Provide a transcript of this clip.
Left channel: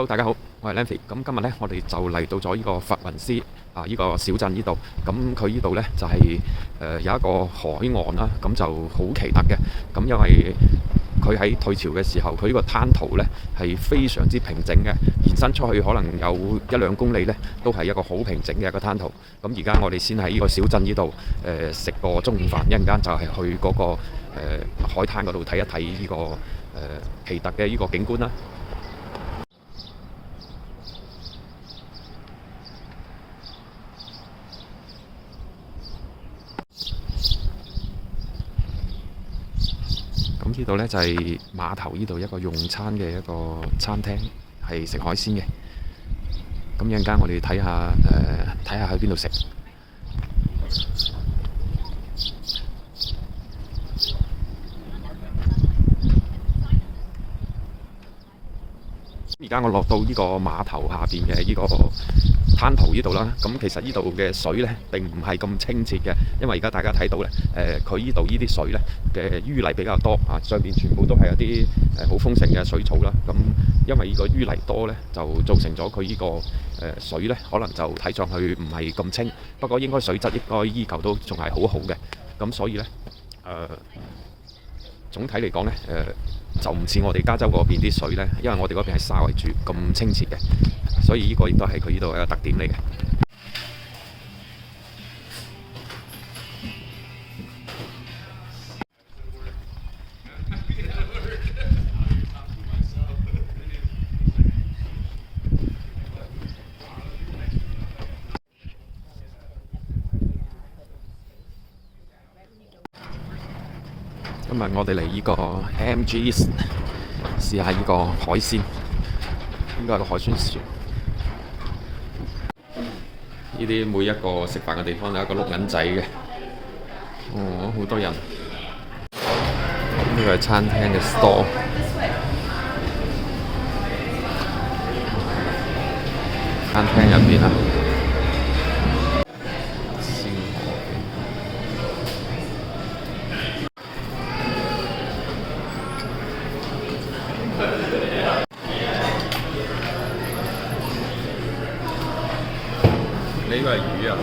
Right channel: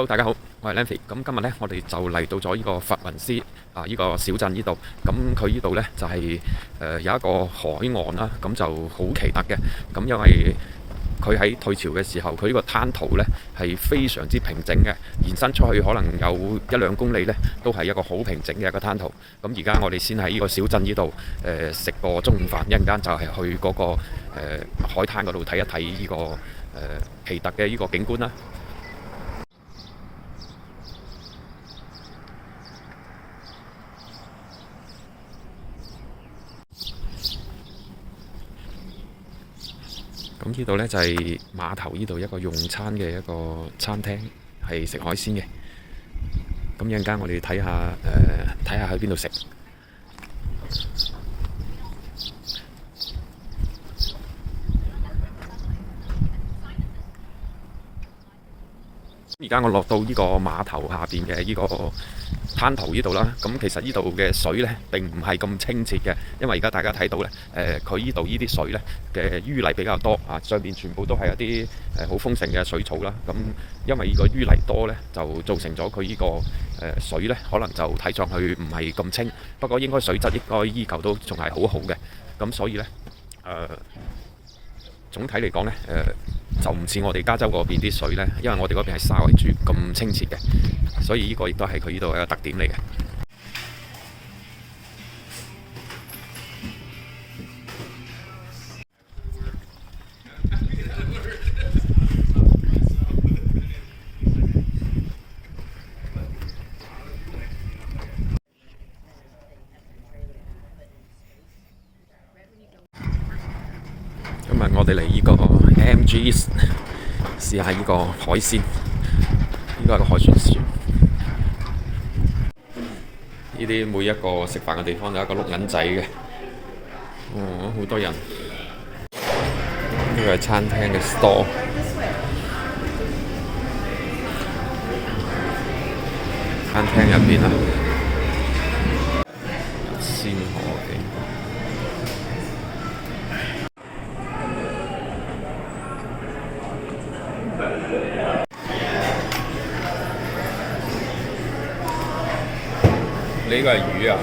Hello，大家好，我係 Lanfy。咁今日呢，我哋就嚟到咗呢個佛雲斯呢個小鎮呢度。咁佢呢度呢，就係有一個海岸啦，咁就好奇特嘅。咁因為佢喺退潮嘅時候，佢呢個灘塗呢係非常之平整嘅，延伸出去可能有1-2公里呢，都係一個好平整嘅一個灘塗。咁而家我哋先喺呢個小鎮呢度食個中午飯，一陣間就係去嗰個海灘嗰度睇一睇呢個奇特嘅呢個景觀啦。咁呢度呢，就係碼頭呢度一個用餐嘅一個餐廳，係食海鮮嘅。咁一陣間我哋睇下去邊度食。而家我落到呢個碼頭下邊嘅呢個灘塗呢度啦，咁其實呢度嘅水呢並唔係咁清澈嘅，因為而家大家睇到呢，佢呢度呢啲水呢嘅淤泥比較多啊，上邊全部都係一啲好豐盛嘅水草啦。咁因為呢個淤泥多呢，就造成咗佢呢個水呢可能就睇上去唔係咁清，不過應該水質應該依舊都仲係好好嘅。咁所以呢，總體嚟講呢，就唔似我哋加州嗰邊啲水呢，因為我哋嗰邊係沙為主，咁清澈嘅，所以呢個亦都係佢呢度一個特點嚟嘅。今日我哋嚟呢個 MG's 試下呢個海鮮，呢個係個海船船。呢啲每一個食飯嘅地方有一個碌銀仔嘅，好多人。呢個係餐廳嘅 store， 餐廳入邊啦。呢個係魚啊！